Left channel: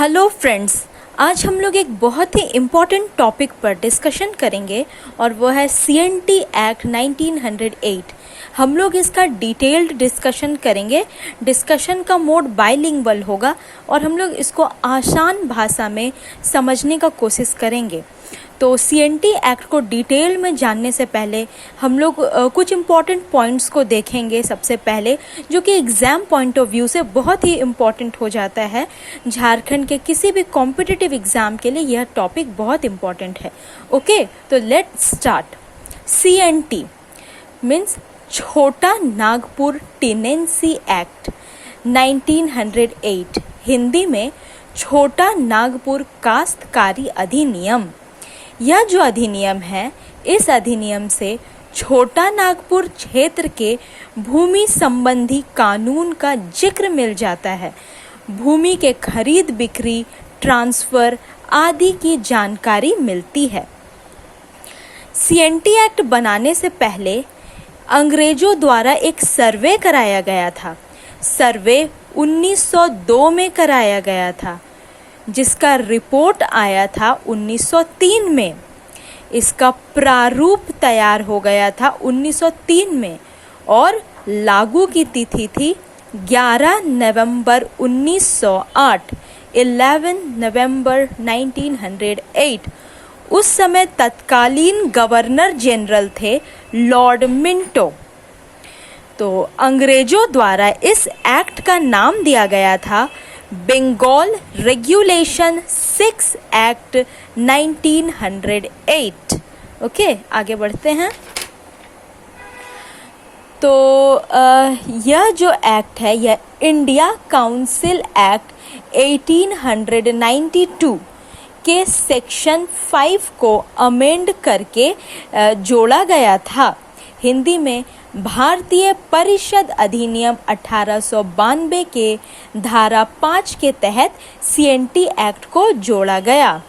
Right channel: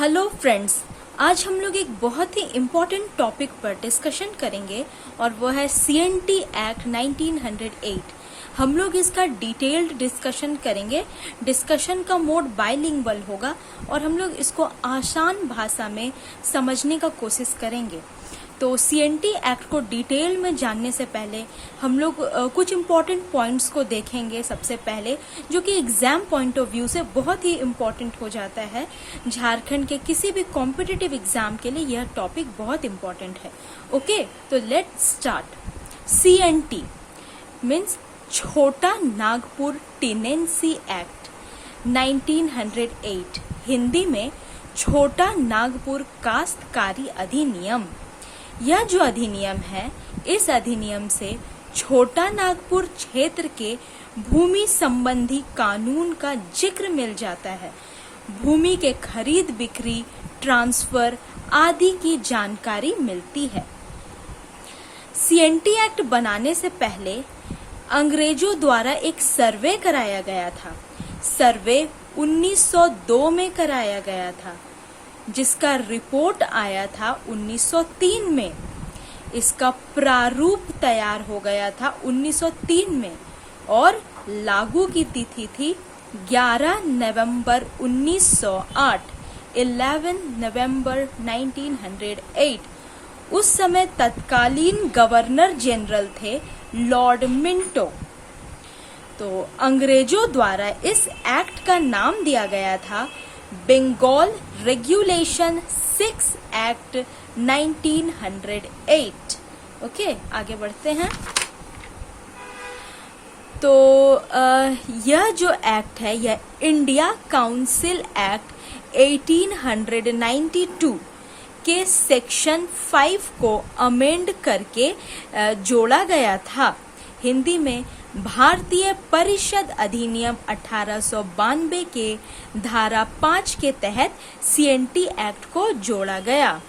Hello friends, आज हम लोग एक बहुत ही इम्पॉर्टेंट टॉपिक पर डिस्कशन करेंगे और वो है सीएनटी एक्ट 1908। हम लोग इसका डिटेल्ड डिस्कशन करेंगे। डिस्कशन का मोड बाइलिंगुअल होगा और हम लोग इसको आसान भाषा में समझने का कोशिश करेंगे। तो सीएनटी एक्ट को डिटेल में जानने से पहले हम लोग कुछ इम्पॉर्टेंट पॉइंट्स को देखेंगे। सबसे पहले जो कि एग्जाम पॉइंट ऑफ व्यू से बहुत ही इम्पॉर्टेंट हो जाता है, झारखंड के किसी भी कॉम्पिटिटिव एग्जाम के लिए यह टॉपिक बहुत इम्पॉर्टेंट है। ओके, तो लेट्स स्टार्ट। सीएनटी मीन्स छोटा नागपुर टेनेंसी एक्ट 1908, हिंदी में छोटा नागपुर काश्तकारी अधिनियम। यह जो अधिनियम है, इस अधिनियम से छोटा नागपुर क्षेत्र के भूमि संबंधी कानून का जिक्र मिल जाता है। भूमि के खरीद बिक्री, ट्रांसफर आदि की जानकारी मिलती है। सीएनटी एक्ट बनाने से पहले अंग्रेजों द्वारा एक सर्वे कराया गया था। सर्वे 1902 में कराया गया था, जिसका रिपोर्ट आया था 1903 में। इसका प्रारूप तैयार हो गया था 1903 में और लागू की तिथि थी 11 नवंबर 1908, 11 नवंबर 1908। उस समय तत्कालीन गवर्नर जनरल थे लॉर्ड मिंटो। तो अंग्रेजों द्वारा इस एक्ट का नाम दिया गया था बंगाल रेगुलेशन 6 एक्ट 1908। ओके, आगे बढ़ते हैं। तो यह जो एक्ट है, यह इंडिया काउंसिल एक्ट 1892 के सेक्शन 5 को अमेंड करके जोड़ा गया था। हिंदी में भारतीय परिषद अधिनियम 1892 के धारा 5 के तहत सीएनटी एक्ट को जोड़ा गया।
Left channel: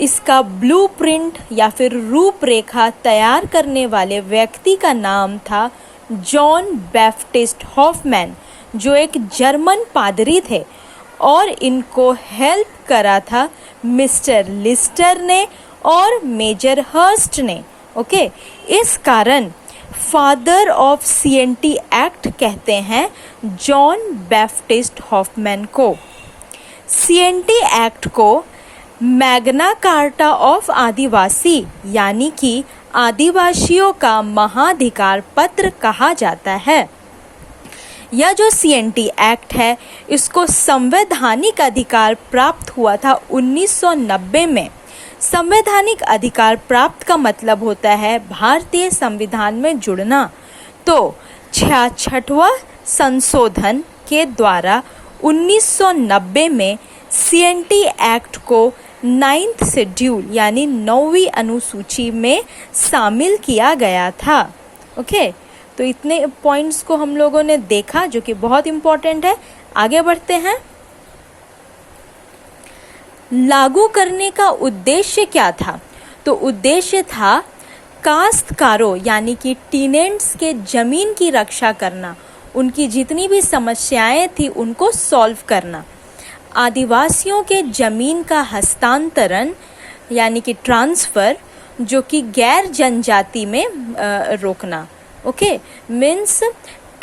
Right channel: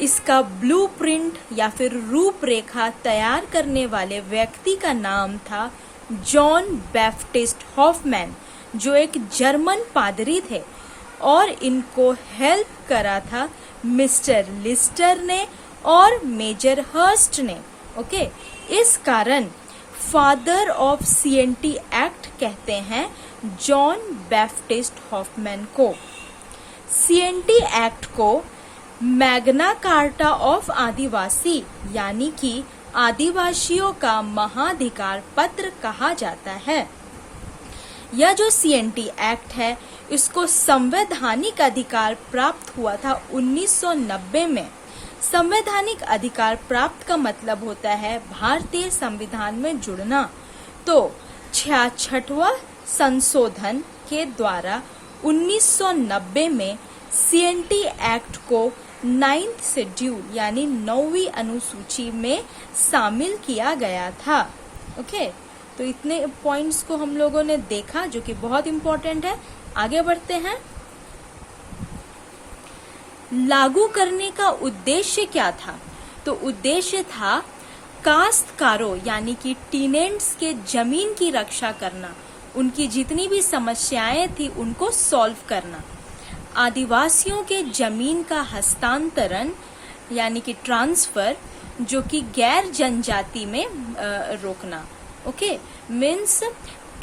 इसका ब्लूप्रिंट या फिर रूपरेखा तैयार करने वाले व्यक्ति का नाम था जॉन बैप्टिस्ट हॉफमैन, जो एक जर्मन पादरी थे, और इनको हेल्प करा था मिस्टर लिस्टर ने और मेजर हर्स्ट ने। ओके, इस कारण फादर ऑफ सीएनटी एक्ट कहते हैं जॉन बैप्टिस्ट हॉफमैन को। सीएनटी एक्ट को मैग्ना कार्टा ऑफ आदिवासी यानी कि आदिवासियों का महाधिकार पत्र कहा जाता है। यह जो सीएनटी एक्ट है, इसको संवैधानिक अधिकार प्राप्त हुआ था 1990 में। संवैधानिक अधिकार प्राप्त का मतलब होता है भारतीय संविधान में जुड़ना। तो 66वां संशोधन के द्वारा 1990 में सीएनटी एक्ट को 9th शेड्यूल यानी 9वीं अनुसूची में शामिल किया गया था। ओके, तो इतने पॉइंट्स को हम लोगों ने देखा जो कि बहुत इंपॉर्टेंट है। आगे बढ़ते हैं। लागू करने का उद्देश्य क्या था? तो उद्देश्य था काश्तकारों यानी कि टेनेंट्स के जमीन की रक्षा करना, उनकी जितनी भी समस्याएं थी उनको सॉल्व करना, आदिवासियों के जमीन का हस्तांतरण यानी कि ट्रांसफर, जो कि गैर जनजाति में रोकना। ओके, मीन्स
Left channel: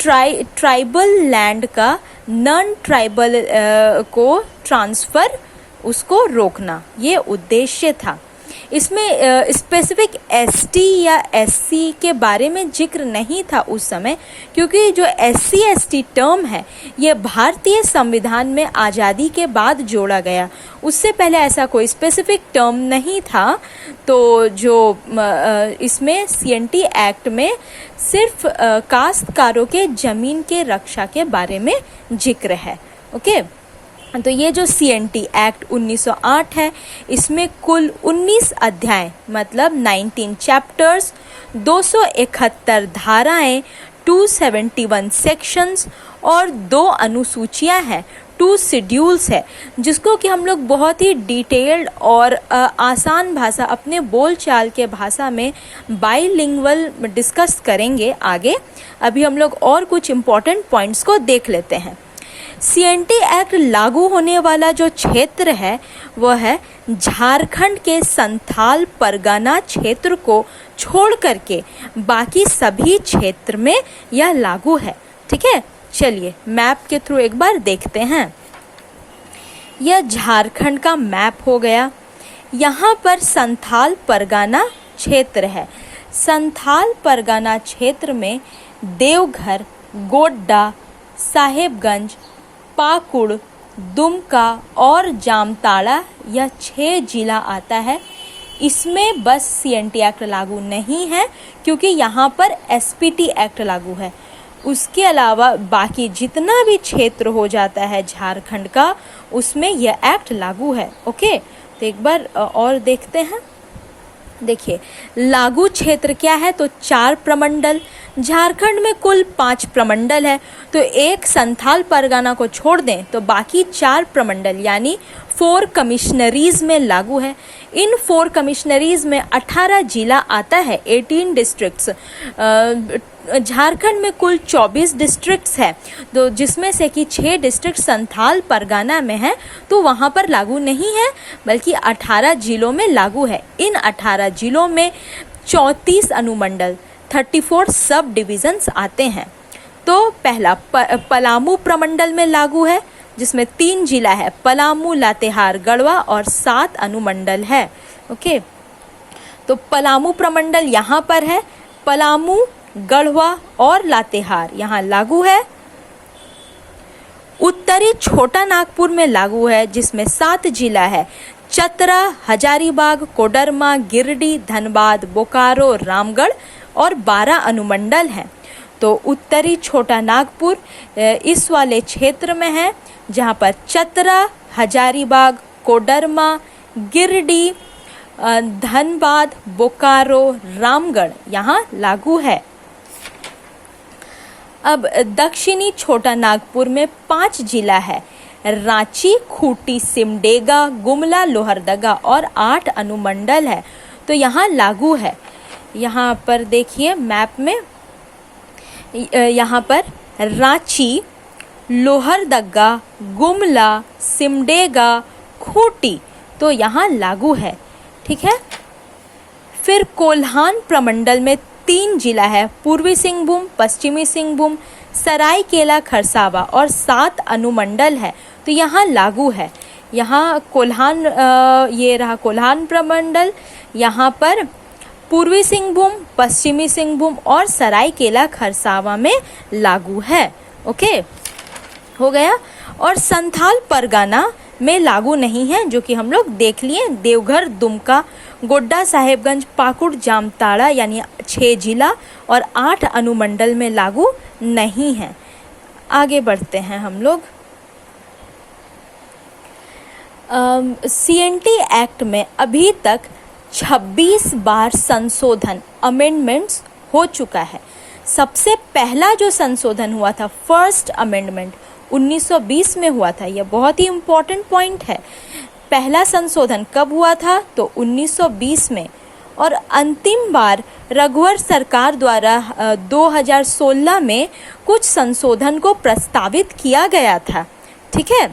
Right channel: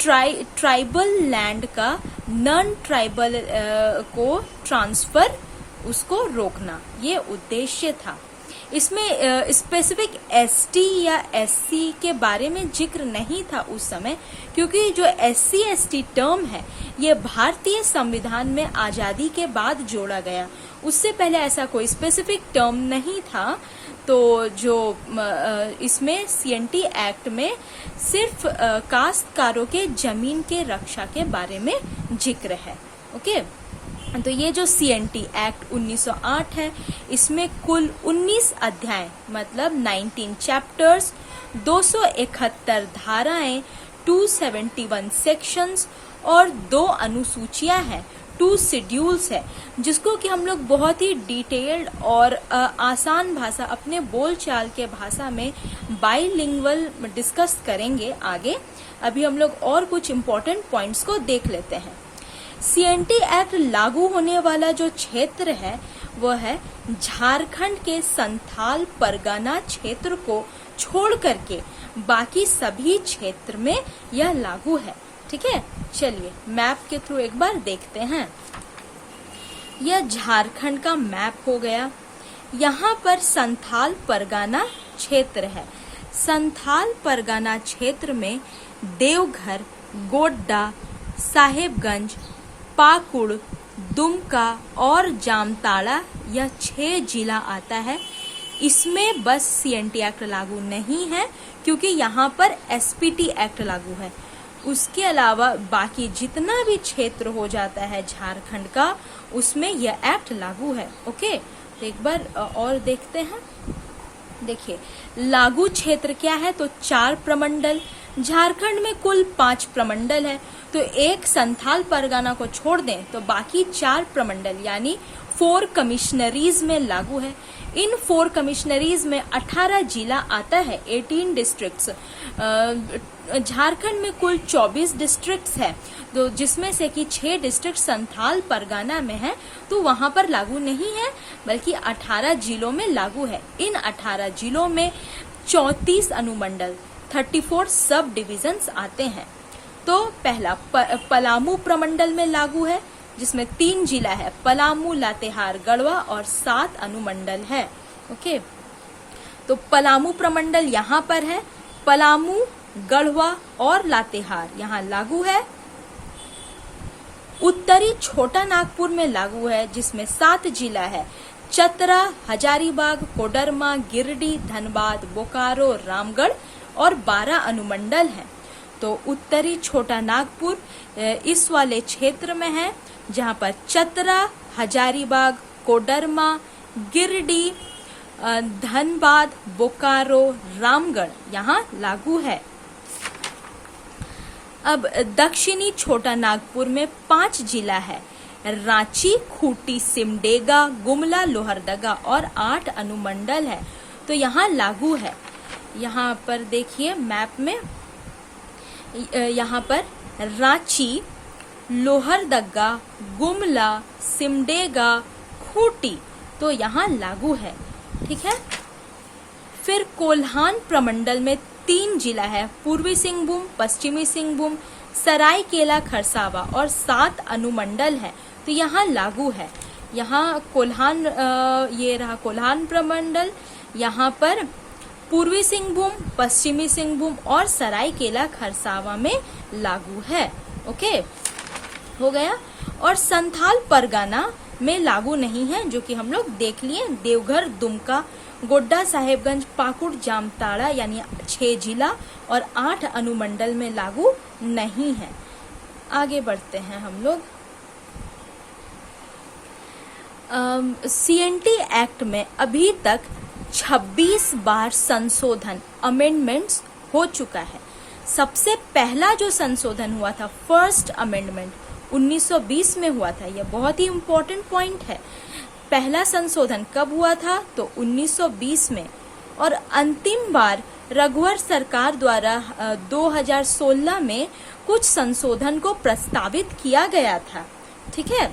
ट्राइबल लैंड का नॉन ट्राइबल को ट्रांसफर, उसको रोकना, ये उद्देश्य था। इसमें स्पेसिफिक एसटी या एससी के बारे में जिक्र नहीं था उस समय, क्योंकि जो एससी एसटी टर्म है ये भारतीय संविधान में आज़ादी के बाद जोड़ा गया। उससे पहले ऐसा कोई स्पेसिफिक टर्म नहीं था। तो जो इसमें सीएनटी एक्ट में सिर्फ काश्तकारों के जमीन के रक्षा के बारे में जिक्र है। ओके, तो ये जो सीएनटी एक्ट 1908 है, इसमें कुल 19 अध्याय मतलब 19 चैप्टर्स, 271 धाराएं, 271 सेक्शंस और 2 अनुसूचियां हैं, 2 शेड्यूल्स है, जिसको कि हम लोग बहुत ही डिटेल्ड और आसान भाषा, अपने बोलचाल के भाषा में बाइलिंगुअल डिस्कस करेंगे आगे। अभी हम लोग और कुछ इम्पोर्टेंट पॉइंट्स को देख लेते हैं। सीएनटी एक्ट लागू होने वाला जो क्षेत्र है वह है झारखंड के संथाल परगना क्षेत्र को छोड़ करके बाकी सभी क्षेत्र में यह लागू है। ठीक है, चलिए मैप के थ्रू एक बार देखते हैं। यह झारखंड का मैप हो गया। यहाँ पर संथाल परगना क्षेत्र है। संथाल परगना क्षेत्र में देवघर, गोड्डा, साहेबगंज, पाकुड़, दुमका और जामताड़ा यह 6 जिला आता है। इसमें बस सीएनटी एक्ट लागू नहीं है क्योंकि यहाँ पर एसपीटी एक्ट लागू है। उसके अलावा बाकी जितना भी क्षेत्र हो जाता है झारखंड का, उसमें यह एक्ट लागू है। ओके, तो एक बार और देखते हैं। देखिए लागू क्षेत्र क्या है, तो 4 प्रमंडल। झारखंड में कुल 5 प्रमंडल है, तो एक संथाल परगना को छोड़ दें तो बाकी 4 प्रमंडल यानी 4 कमिश्नरीज में लागू है। इन 4 कमिश्नरीज में 18 जिला आता है, 18 डिस्ट्रिक्ट्स। झारखंड में कुल 24 डिस्ट्रिक्ट्स है, तो जिसमें से कि 6 डिस्ट्रिक्ट संथाल परगना में है, तो वहां पर लागू नहीं है, बल्कि 18 जिलों में लागू है। इन 18 जिलों में 34 अनुमंडल 34 सब डिविजन्स आते हैं। तो पहला पलामू प्रमंडल में लागू है, जिसमें 3 जिला है, पलामू, लातेहार, गढ़वा और 7 अनुमंडल है। ओके, तो पलामू प्रमंडल यहाँ पर है। पलामू, गढ़वा और लातेहार यहाँ लागू है। उत्तरी छोटा नागपुर में लागू है, जिसमें 7 जिला है, चतरा, हजारीबाग, कोडरमा, गिरिडीह, धनबाद, बोकारो, रामगढ़ और 12 अनुमंडल हैं। तो उत्तरी छोटा नागपुर इस वाले क्षेत्र में है, जहां पर चतरा, हजारीबाग, कोडरमा, गिरिडीह, धनबाद, बोकारो, रामगढ़ यहाँ लागू है। अब दक्षिणी छोटा नागपुर में 5 जिला है, रांची, खूंटी, सिमडेगा, गुमला, लोहरदगा और 8 अनुमंडल है, तो यहाँ लागू है। यहाँ पर देखिए मैप में, यहाँ पर रांची, लोहरदगा, गुमला, सिमडेगा, खूंटी तो यहाँ लागू है। ठीक है, फिर कोल्हान प्रमंडल में 3 जिला है, पूर्वी सिंहभूम, पश्चिमी सिंहभूम, सरायकेला खरसावा और 7 अनुमंडल है, तो यहाँ लागू है। यहाँ कोल्हान, ये रहा कोल्हान प्रमंडल, यहाँ पर पूर्वी सिंहभूम, पश्चिमी सिंहभूम और सरायकेला खरसावा में लागू है। ओके, हो गया। और संथाल परगना में लागू नहीं है, जो कि हम लोग देख लिए। देवघर, दुमका, गोड्डा, साहेबगंज, पाकुड़, जामताड़ा यानी 6 जिला और 8 अनुमंडल में लागू नहीं है। आगे बढ़ते हैं हम लोग। सीएनटी एक्ट में अभी तक 26 बार संशोधन, अमेंडमेंट्स हो चुका है। सबसे पहला जो संशोधन हुआ था, फर्स्ट अमेंडमेंट 1920 में हुआ था। यह बहुत ही इम्पोर्टेंट पॉइंट है। पहला संशोधन कब हुआ था, तो 1920 में। और अंतिम बार रघुवर सरकार द्वारा 2016 में कुछ संशोधन को प्रस्तावित किया गया था। ठीक है,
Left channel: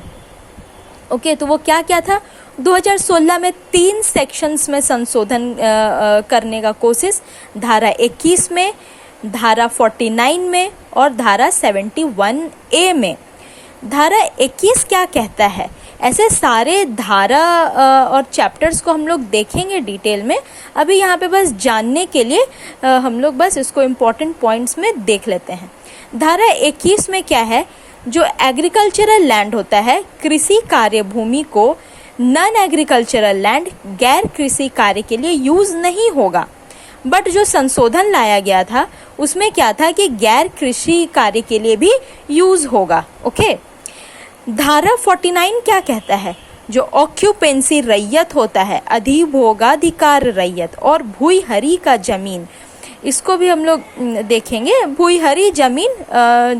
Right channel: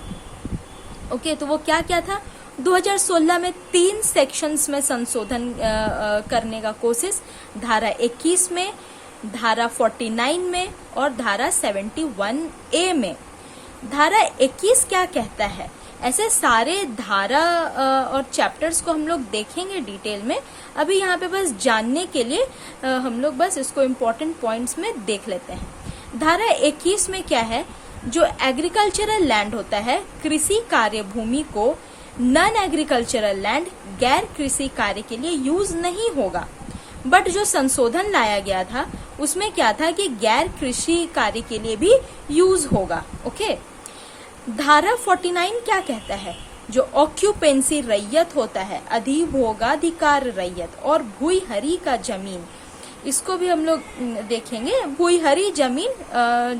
ओके, तो वो क्या क्या था? 2016 में 3 सेक्शंस में संशोधन करने का कोशिश, धारा 21 में, धारा 49 में और धारा 71A में। धारा 21 क्या कहता है? ऐसे सारे धारा और चैप्टर्स को हम लोग देखेंगे डिटेल में। अभी यहाँ पे बस जानने के लिए हम लोग बस इसको इम्पोर्टेंट पॉइंट्स में देख लेते हैं। धारा 21 में क्या है? जो एग्रीकल्चरल लैंड होता है, कृषि कार्य भूमि को नॉन एग्रीकल्चरल लैंड, गैर कृषि कार्य के लिए यूज नहीं होगा। बट जो संशोधन लाया गया था उसमें क्या था कि गैर कृषि कार्य के लिए भी यूज होगा। ओके, धारा 49 क्या कहता है? जो ऑक्यूपेंसी रैयत होता है, अधिभोगाधिकार रैयत और भूईहरी का जमीन, इसको भी हम लोग देखेंगे। भूईहरी जमीन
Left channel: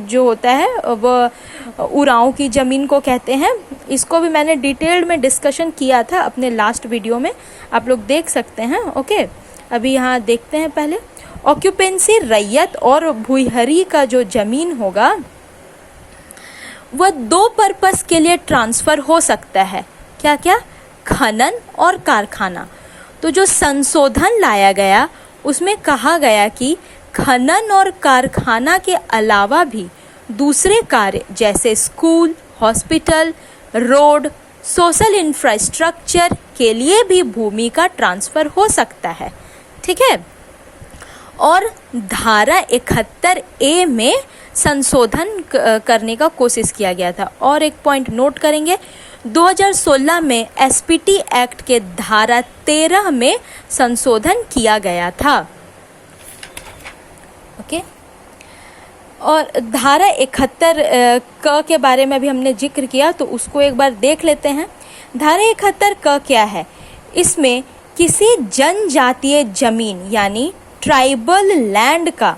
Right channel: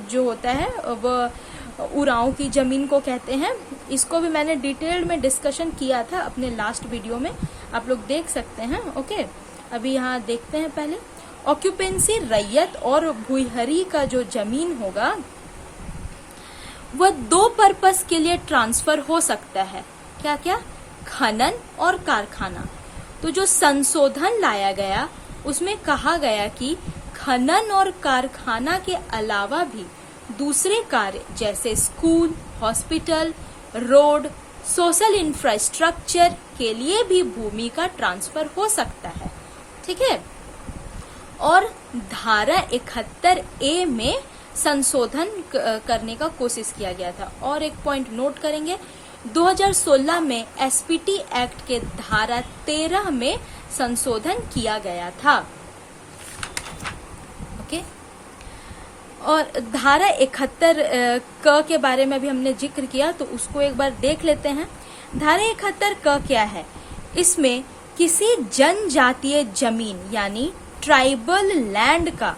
जो होता है वो उरांव की जमीन को कहते हैं। इसको भी मैंने डिटेल्ड में डिस्कशन किया था अपने लास्ट वीडियो में, आप लोग देख सकते हैं। ओके, अभी यहाँ देखते हैं पहले। ऑक्यूपेंसी रैयत और भूईहरी का जो जमीन होगा वह दो पर्पस के लिए ट्रांसफर हो सकता है। क्या क्या? खनन और कारखाना। तो जो संशोधन लाया गया उसमें कहा गया कि खनन और कारखाना के अलावा भी दूसरे कार्य जैसे school, hospital, road, social infrastructure के लिए भी भूमि का ट्रांसफर हो सकता है। ठीक है। और धारा 71A में संशोधन करने का कोशिश किया गया था। और एक पॉइंट नोट करेंगे, 2016 में एसपीटी एक्ट के धारा 13 में संशोधन किया गया था। ओके। और धारा 71 क के बारे में भी हमने जिक्र किया, तो उसको एक बार देख लेते हैं। धारा 71 क क्या है? इसमें किसी जनजातीय जमीन यानी ट्राइबल लैंड का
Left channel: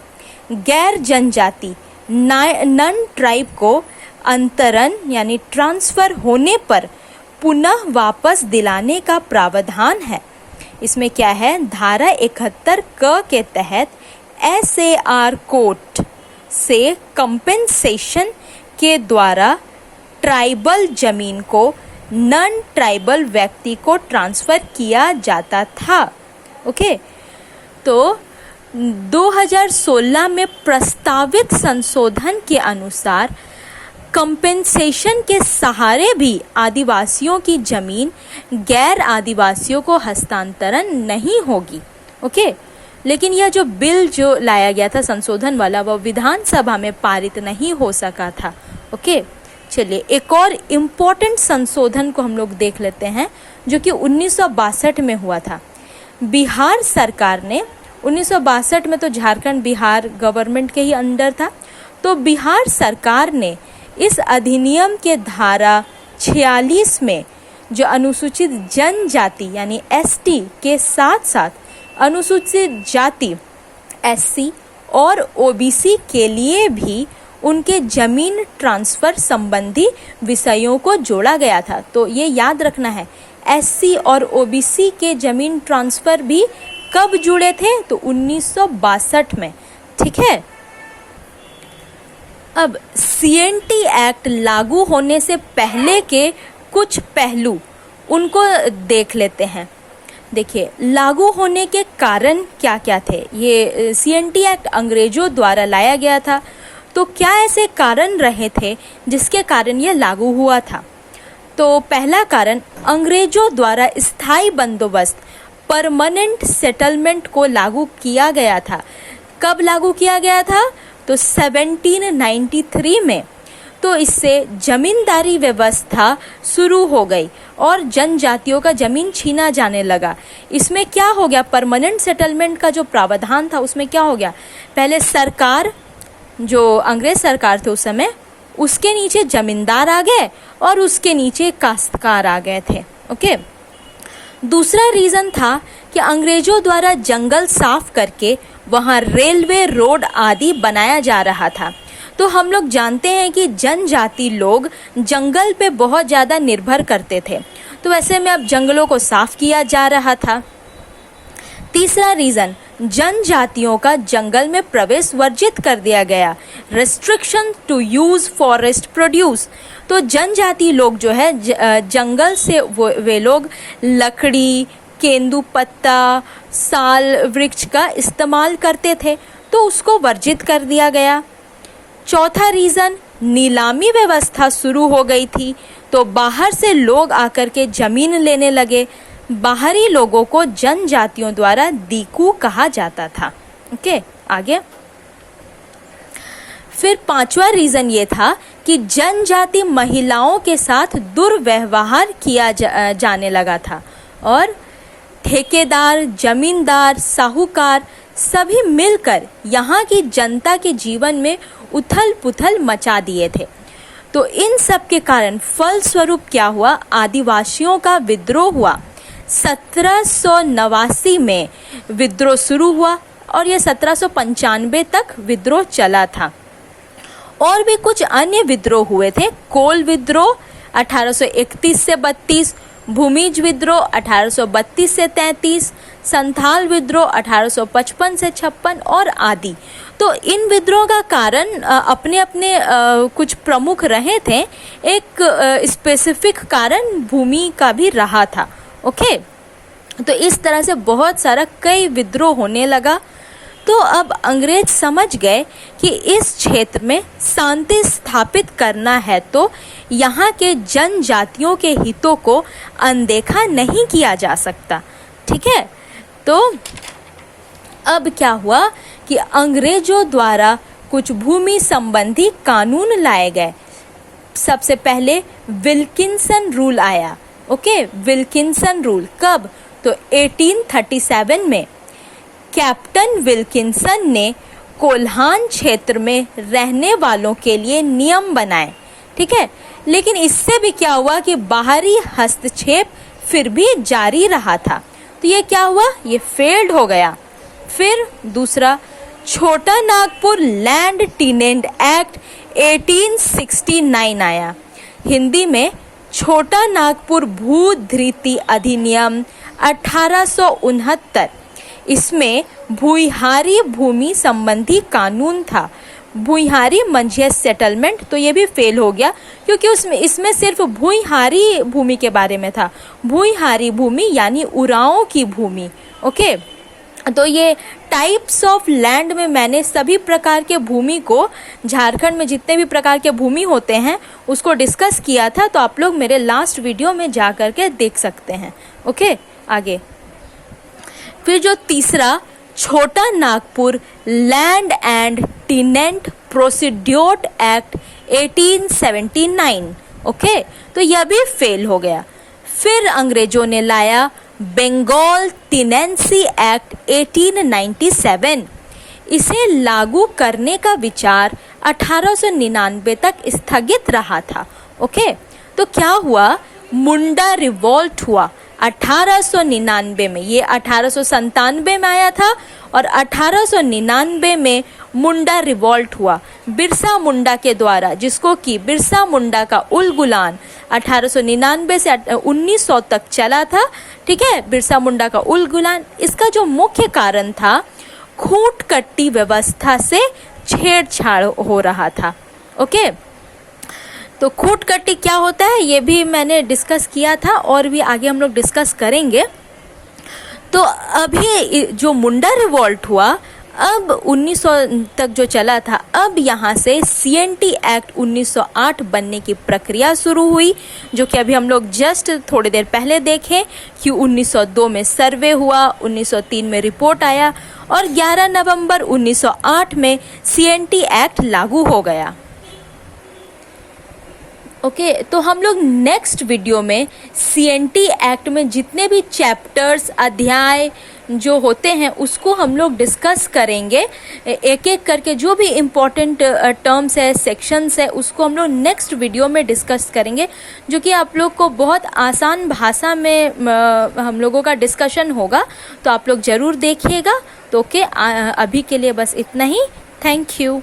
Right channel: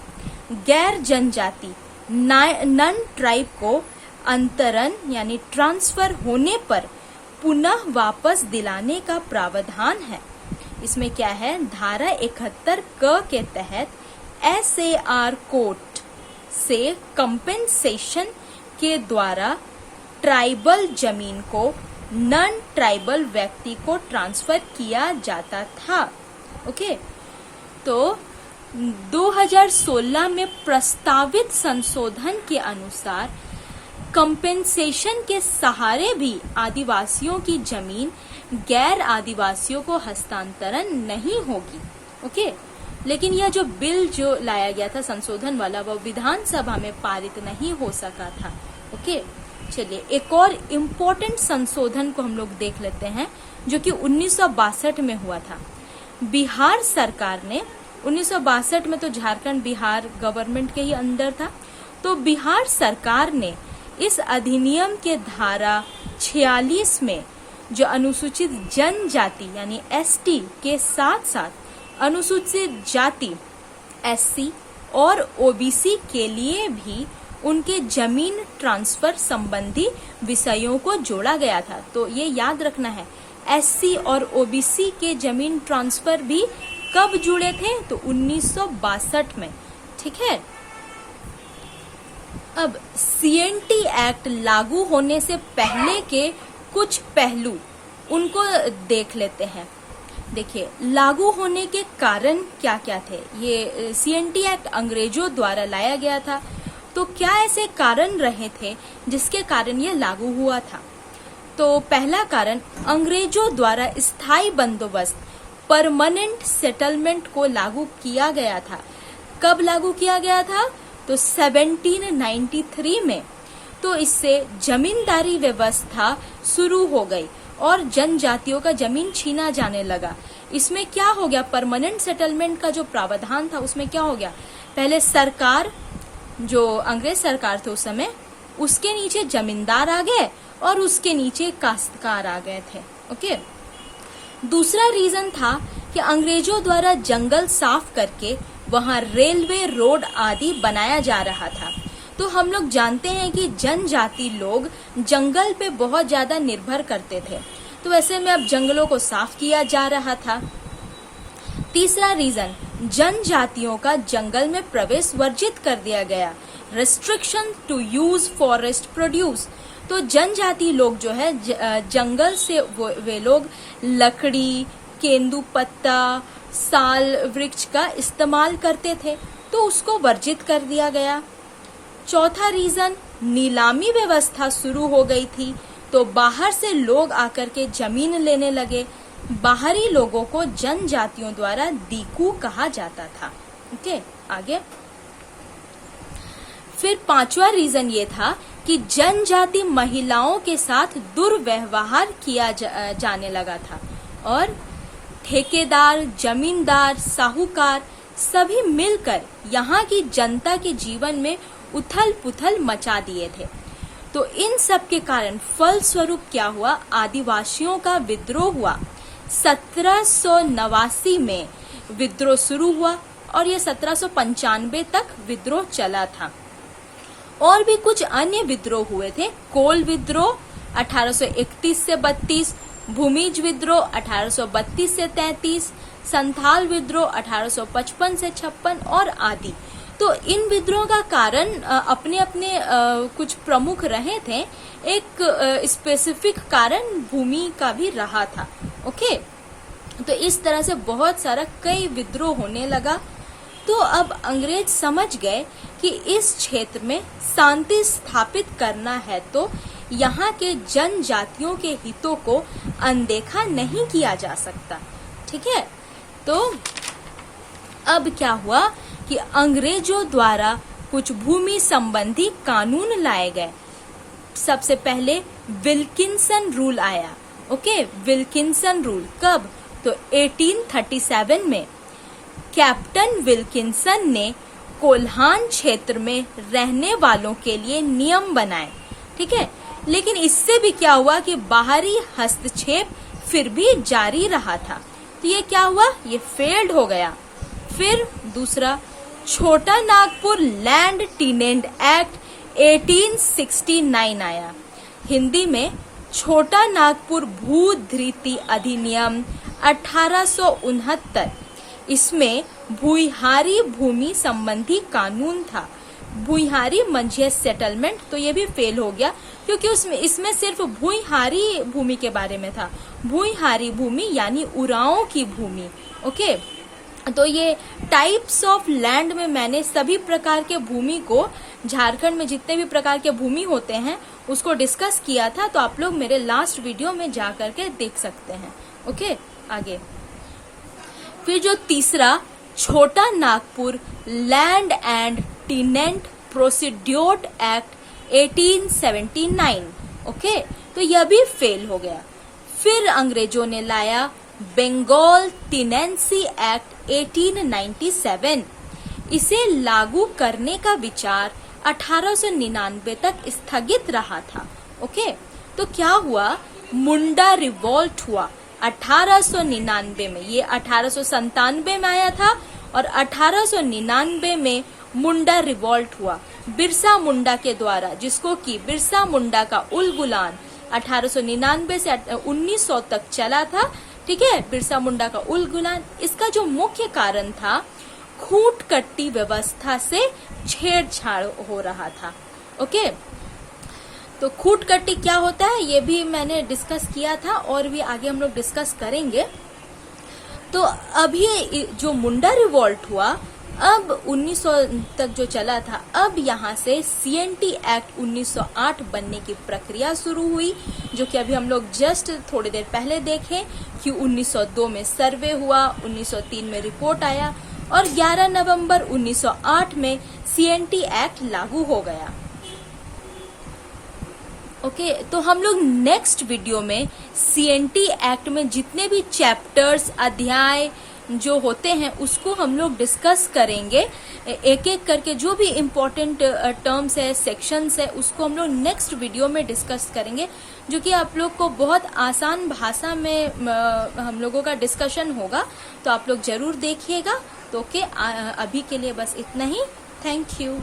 गैर जनजाति नन ट्राइब को अंतरण यानी ट्रांसफर होने पर पुनः वापस दिलाने का प्रावधान है। इसमें क्या है? धारा 71 क के तहत SAR कोर्ट से कंपेंसेशन के द्वारा ट्राइबल जमीन को नॉन ट्राइबल व्यक्ति को ट्रांसफर किया जाता था। ओके। तो 2016 में प्रस्तावित संशोधन के अनुसार कंपेंसेशन के सहारे भी आदिवासियों की जमीन गैर आदिवासियों को हस्तांतरण नहीं होगी। ओके। लेकिन यह जो बिल जो लाया गया था संशोधन वाला, वह विधानसभा में पारित नहीं हो सका था। ओके। चलिए एक और इम्पोर्टेंट संशोधन को हम लोग देख लेते हैं जो कि 1962 में हुआ था। बिहार सरकार ने 1962 में, तो झारखंड बिहार गवर्नमेंट के ही अंडर था, तो बिहार सरकार ने इस अधिनियम के धारा 46 में जो अनुसूचित जनजाति यानी ST के साथ साथ अनुसूचित जाति SC और OBC के लिए भी उनके जमीन ट्रांसफर संबंधी विषयों को जोड़ा गया था। तो ये याद रखना है, SC और OBC के जमीन ट्रांसफर भी कब जुड़े थे? तो 1962 में। ठीक है। अब CNT एक्ट लागू होने से पहले के कुछ पहलू उनको देख लेते हैं। देखिए, लागू होने के कारण क्या क्या थे। ये CNT एक्ट अंग्रेजों द्वारा लाया गया था, तो क्या ऐसे कारण रहे थे जिसके कारण यह लागू हुआ था? तो पहला कारण, अंग्रेजों द्वारा स्थायी बंदोबस्त परमानेंट सेटलमेंट को लागू किया गया था। कब लागू किया गया था? तो 1793 में। तो इससे जमींदारी व्यवस्था शुरू हो गई और जनजातियों का जमीन छीना जाने लगा। इसमें क्या हो गया? परमानेंट सेटलमेंट का जो प्रावधान था उसमें क्या हो गया? पहले सरकार, जो अंग्रेज सरकार थे उस समय, उसके नीचे जमींदार आ गए और उसके नीचे काश्तकार आ गए थे। ओके। दूसरा रीजन था कि अंग्रेजों द्वारा जंगल साफ करके वहां रेलवे, रोड आदि बनाया जा रहा था। तो हम लोग जानते हैं कि जनजाति लोग जंगल पे बहुत ज्यादा निर्भर करते थे, तो वैसे में अब जंगलों को साफ किया जा रहा था। तीसरा रीजन, जनजातियों का जंगल में प्रवेश वर्जित कर दिया गया, restriction to use forest produce. तो जनजाति लोग जो है जंगल से वे लोग लकड़ी, केंदू पत्ता, साल वृक्ष का इस्तेमाल करते थे, तो उसको वर्जित कर दिया गया। चौथा रीजन, नीलामी व्यवस्था शुरू हो गई थी, तो बाहर से लोग आकर के जमीन लेने लगे। बाहरी लोगों को जनजातियों द्वारा दीकू कहा जाता था। ओके, आगे। फिर पांचवा रीजन ये था कि जनजाति महिलाओं के साथ दुर्व्यवहार किया जाने लगा था और ठेकेदार, जमींदार, साहूकार सभी मिलकर यहाँ की जनता के जीवन में उथल पुथल मचा दिए थे। तो इन सब के कारण फलस्वरूप क्या हुआ? आदिवासियों का विद्रोह हुआ। 1789 में विद्रोह शुरू हुआ और यह 1795 तक विद्रोह चला था। और भी कुछ अन्य विद्रोह हुए थे। कोल विद्रोह 1831 से 32, भूमिज विद्रोह 1832 से 33, संथाल विद्रोह 1855 से 56 और आदि। तो इन विद्रोह का कारण अपने अपने कुछ प्रमुख रहे थे। एक स्पेसिफिक कारण भूमि का भी रहा था। ओके, तो इस तरह से बहुत सारा कई विद्रोह होने लगा। तो अब अंग्रेज समझ गए कि इस क्षेत्र में शांति स्थापित करना है तो यहाँ के जनजातियों के हितों को अनदेखा नहीं किया जा सकता। ठीक है, तो अब क्या हुआ कि अंग्रेजों द्वारा कुछ भूमि संबंधी कानून लाए गए। सबसे पहले विल्किंसन रूल आया। ओके, विल्किंसन रूल कब? तो 1837 में कैप्टन विल्किंसन ने कोल्हान क्षेत्र में रहने वालों के लिए नियम बनाए। ठीक है, लेकिन इससे भी क्या हुआ कि बाहरी हस्तक्षेप फिर भी जारी रहा था। तो ये क्या हुआ? ये फेल्ड हो गया। फिर दूसरा छोटा नागपुर लैंड टीनेंट एक्ट 1869 आया। हिंदी में छोटा नागपुर भूधृति अधिनियम 1869। इसमें भूइहारी भूमि संबंधी कानून था। भूइहारी मंझिया सेटलमेंट, तो ये भी फेल हो गया क्योंकि इसमें सिर्फ भूइहारी भूमि के बारे में था। भूइहारी भूमि यानी उरांव की भूमि। ओके, तो ये टाइप्स ऑफ लैंड में मैंने सभी प्रकार के भूमि को, झारखंड में जितने भी प्रकार के भूमि होते हैं उसको डिस्कस किया था। तो आप लोग मेरे लास्ट वीडियो में जा करके देख सकते हैं। ओके, आगे फिर जो तीसरा छोटा Nagpur land and टीनेंट procedure act 1879। Okay, तो यह भी फेल हो गया। फिर अंग्रेजों ने लाया बंगाल टीनेंसी एक्ट 1897। इसे लागू करने का विचार 1899 तक स्थगित रहा था। ओके, तो क्या हुआ? मुंडा रिवॉल्ट हुआ 1899 में। ये 1897 में आया था और 1899 में मुंडा रिवॉल्ट हुआ बिरसा मुंडा के द्वारा, जिसको कि बिरसा मुंडा का उलगुलान 1899 से 1900 तक चला था। ठीक है, बिरसा मुंडा का उलगुलान। इसका जो मुख्य कारण था, खूंट कट्टी व्यवस्था से छेड़छाड़ हो रहा था। ओके, तो खूंट कट्टी क्या होता है ये भी मैंने डिस्कस किया था और भी आगे हम लोग डिस्कस करेंगे। तो अभी जो मुंडा रिवॉल्ट हुआ, अब 1900 तक जो चला था, अब यहाँ से CNT एक्ट 1908 बनने की प्रक्रिया शुरू हुई, जो कि अभी हम लोग जस्ट थोड़ी देर पहले देखे कि 1902 में सर्वे हुआ, 1903 में रिपोर्ट आया और 11 नवंबर 1908 में CNT एक्ट लागू हो गया। ओके, तो हम लोग नेक्स्ट वीडियो में CNT एक्ट में जितने भी चैप्टर्स, अध्याय जो होते हैं उसको हम लोग डिस्कस करेंगे। एक एक करके जो भी इम्पोर्टेंट टर्म्स है, सेक्शंस है, उसको हम लोग नेक्स्ट वीडियो में डिस्कस करेंगे, जो कि आप लोग को बहुत आसान भाषा में हम लोगों का डिस्कशन होगा। तो आप लोग जरूर देखिएगा। तो ओके, अभी के लिए बस इतना ही। Thank you.